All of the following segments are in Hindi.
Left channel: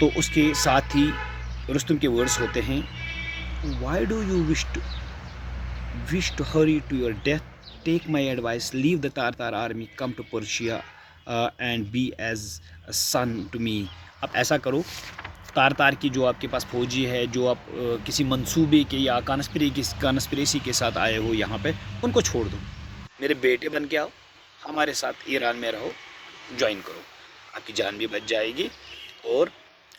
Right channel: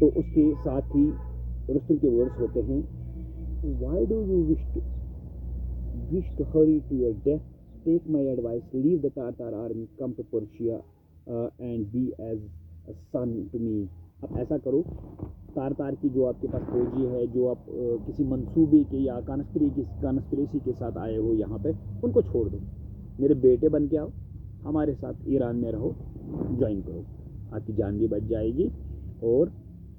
तो उसके साथ ही रुस्तुम के वर्ड्स होते हैं, why do you wish to hurry to your death, take my advice, leave the Tartar army, come to Persia and be as a son to me. अब ऐसा करो, तारतार की जो आपके पास फौजी है, जो आप किसी मंसूबे के या कॉन्स्पिरेसी के साथ आए हो यहाँ पे, उनको छोड़ दो, मेरे बेटे बन के आओ, हमारे साथ ईरान में रहो, ज्वाइन करो, आपकी जान भी बच जाएगी और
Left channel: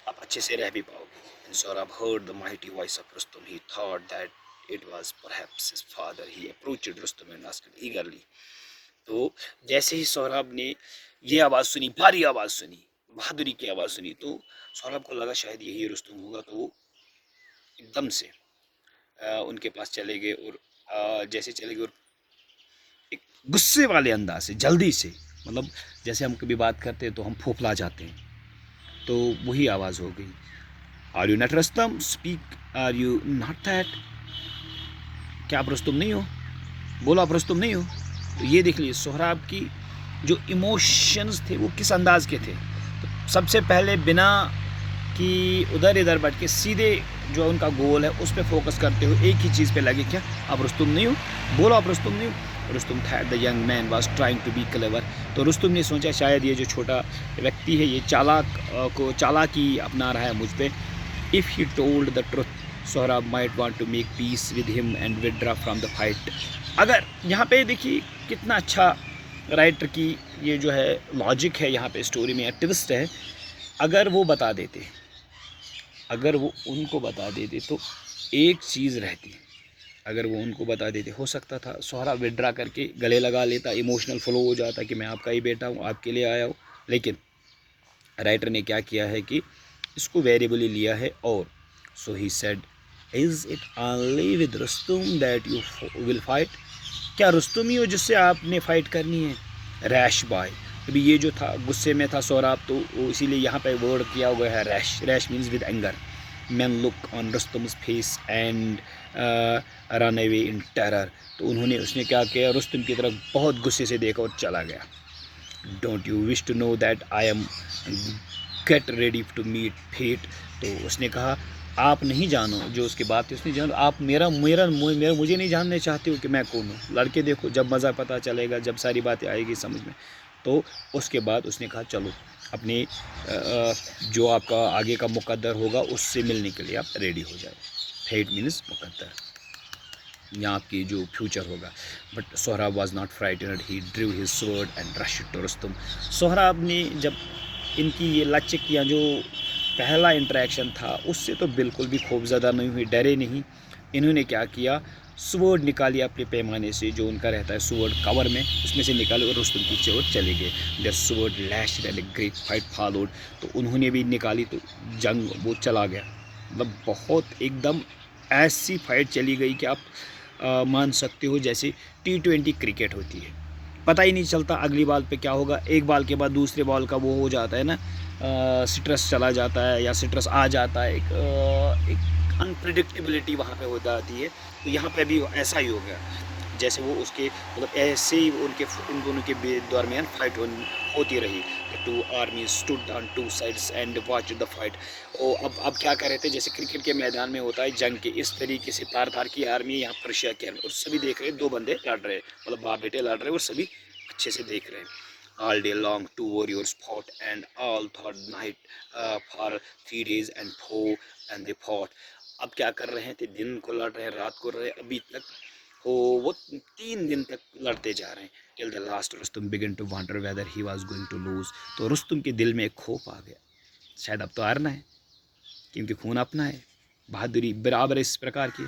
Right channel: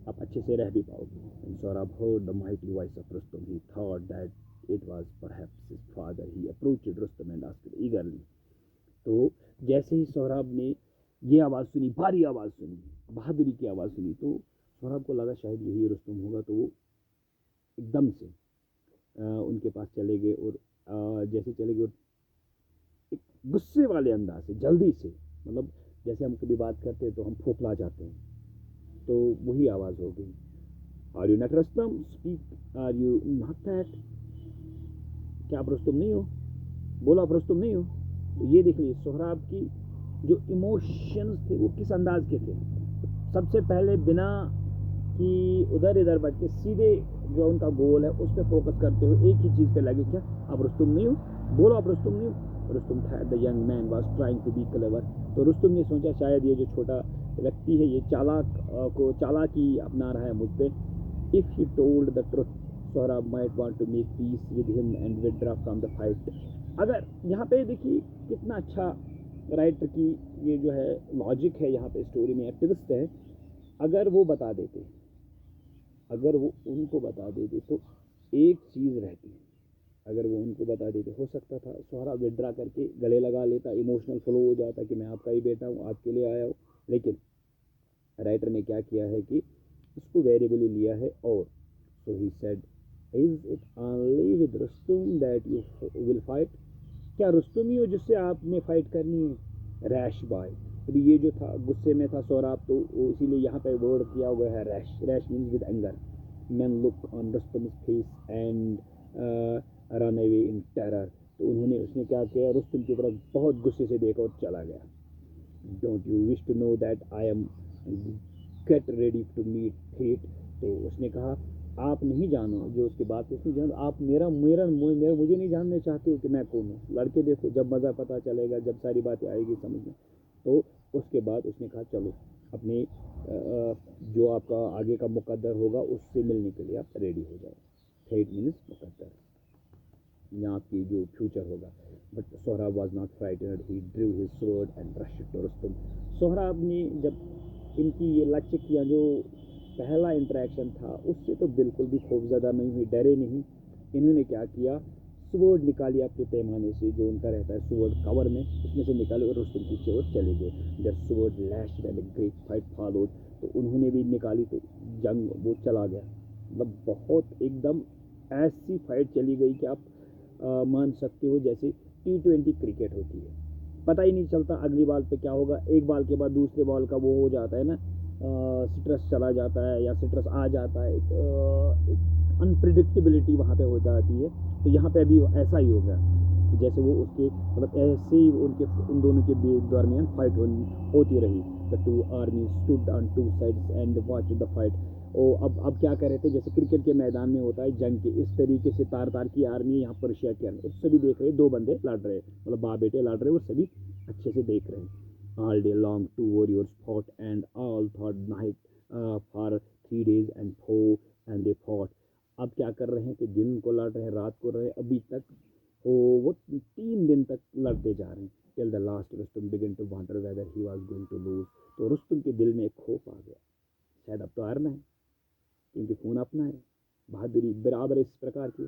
आप अच्छे से रह भी पाओगे. And Saurabh heard the mighty voice of Rustum. He thought that it was perhaps his father. He approached Rustum and asked eagerly. तो जैसे ही सौरभ ने ये आवाज़ सुनी, भारी आवाज़ सुनी, बहादुरी की आवाज़ सुनी, तो सौरभ को लगा शायद यही रुस्तुम होगा. तो वो एकदम से उनके पास चले गए और जैसे चले गए और एक गुस्से वाले अंदाज से, जल्दी से, मतलब जैसे हम कभी बात करते हैं तो हम फूफला जाते हैं, तो वही आवाज़ हो गई. Are you not Rustum, speak, are you not that, क्या आप रुस्तुम नहीं हो, बोलो आप रुस्तुम नहीं हो. तो ये देख लीजिए सोहराब की जो इमोशंस थे वो किस अंदाज के थे. तो सबसे पहले बिना कि उधर इधर बढ़ के सीधे जो उनका गोल है उस पर फोकस करते हुए एक ही चीज़ पे लगे, क्या आप रुस्तुम नहीं हो, बोलो आप रुस्तुम नहीं हो. रुस्तुम था the young man was trying to be clever. तो रुस्तुम ने सोचा शायद ये जो छोटा व्यक्ति है ये चालाकी अपना रहा है मुझ पर. If he told the truth, Sohrab might want to make peace with him and withdraw from the fight. अगर यहाँ पे देखिए कितना अच्छा राइटर की ये जो है लॉजिक है, यहाँ पे स्टोरी में ट्विस्ट है. अगर वो बता देते, अगर वो उनको बता देते तो एक चीज़ रहती, अगर वो उनको बता देते हो सकता था सोहराब विड्रा करके गले लगा लेता, इमोशनल फ्लो हो जाता कि मैं आपका ही बेटा हूँ, आपके लिए आया हूँ. लेकिन राइटर ने क्या किया है कि इसको वेरिएबली लिया है. और so he said, is it only with Rustum that you will fight, क्या रुस्तुम ही हो जिससे आपने फ़ाइट करनी है. रैश बॉय, अभी ये जो था गुस्से में था सोहराब, तो इसीलिए यहाँ पे वर्ड किया हुआ है rash. Rash means with anger. Man look on Rustum's face and run away in terror. तो उसने क्या किया, रुस्तुम की तरफ बहुत गुस्से से देखा और चला गया. Don't you wish to know that I am get ready to meet fate. तो उसने कहा आप नहीं जानो, जो उसकी बात थी उसने जानो, आप मुझे नहीं जानने चाहते हो कि मैं कौन हूँ. लड़के देखो, जब मज़ा पता चलेगा, जब सारी बातें आएगी समझ में. तो उसके बाद उसने कहा चलो अपने जो आपका आगे का मुकद्दर होगा उससे मिलने के लिए आप रेडी हो जाए. फेट मीन्स मुकद्दर, यहाँ आपकी जो फ्यूचर होगा. But Sohrab was not frightened, he drew his sword and rushed to Rustum. Sohrab ने जब इनकी ये लचक या जो पहला इंटरेक्शन था उससे तो बिल्कुल भी खौफज़दा नहीं हुई, डरे नहीं. इन्होंने क्या किया, स्वॉर्ड निकाली अपने पैमाने से, जो उनका रहता है स्वॉर्ड कवर में, उसमें से निकाले और रुस्तुम पीछे और चले गए. Their sword lashed and a great fight followed. तो उन्होंने भी निकाली तो जंग वो चला गया. मतलब बहुत एकदम ऐसी फाइट चली गई कि आप मान सकते हो जैसे T20 क्रिकेट होती है, पता ही नहीं चलता अगली बॉल पे क्या होगा. एक बॉल के बाद दूसरे बॉल का वो हो जाता है ना, सिट्रस चला जाता है या सिट्रस आ जाता है, एक अनप्रिडिक्टेबिलिटी वहाँ पे हो जाती है. तो यहाँ पे भी ऐसा ही हो गया, जैसे वो उसके मतलब ऐसे ही उनके इन दोनों के दरमियान फाइट होती रही. The two army stood on two sides and watch the fight. अब क्या कर रहे थे, जैसे क्रिकेट के मैदान में होता है जंग के, इस तरीके से तार की आर्मी, यहाँ पर्शिया की आर्मी, और सभी देख रहे, दो बंदे लड़ रहे, मतलब बाप बेटे लड़ रहे और सभी अच्छे से देख रहे हैं. All day long, two warriors fought, and all thought night for 3 days and 4, and they fought. अब क्या कर रहे थे, दिन को लड़ रहे हैं, रात को रहे, अभी तक वो 3 दिन तक लड़ते जा रहे हैं. Till the last Rustum began to wonder whether he was going to lose. तो रुस्तुम के दिल में एक खौफ आ गया, शायद अब तो हारना है, क्योंकि खून अपना है, बहादुरी बराबर इस प्रकार की.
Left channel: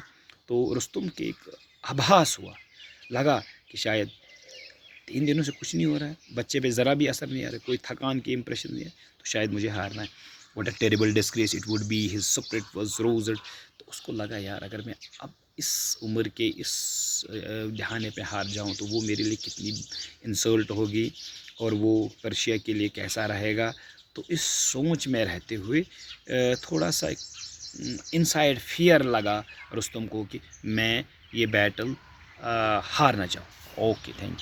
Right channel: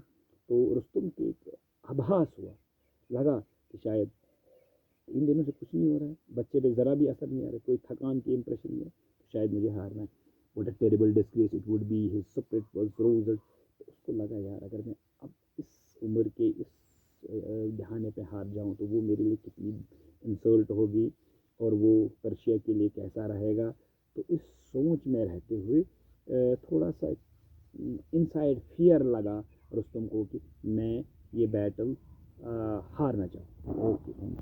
तो रुस्तुम के एक आभास हुआ, लगा कि शायद 3 दिनों से कुछ नहीं हो रहा है, बच्चे पे ज़रा भी असर नहीं आ रहा, कोई थकान की इम्प्रेशन नहीं है, तो शायद मुझे हारना है. What a terrible disgrace it would be, his spirit was roused. तो उसको लगा यार अगर मैं अब इस उम्र के इस दहाने पे हार जाऊं तो वो मेरे लिए कितनी इंसल्ट होगी और वो पर्शिया के लिए कैसा रहेगा. तो इस सोच में रहते हुए थोड़ा सा इनसाइड फियर लगा रुस्तम को कि मैं ये बैटल हारना चाहूँ. Okay, thank you.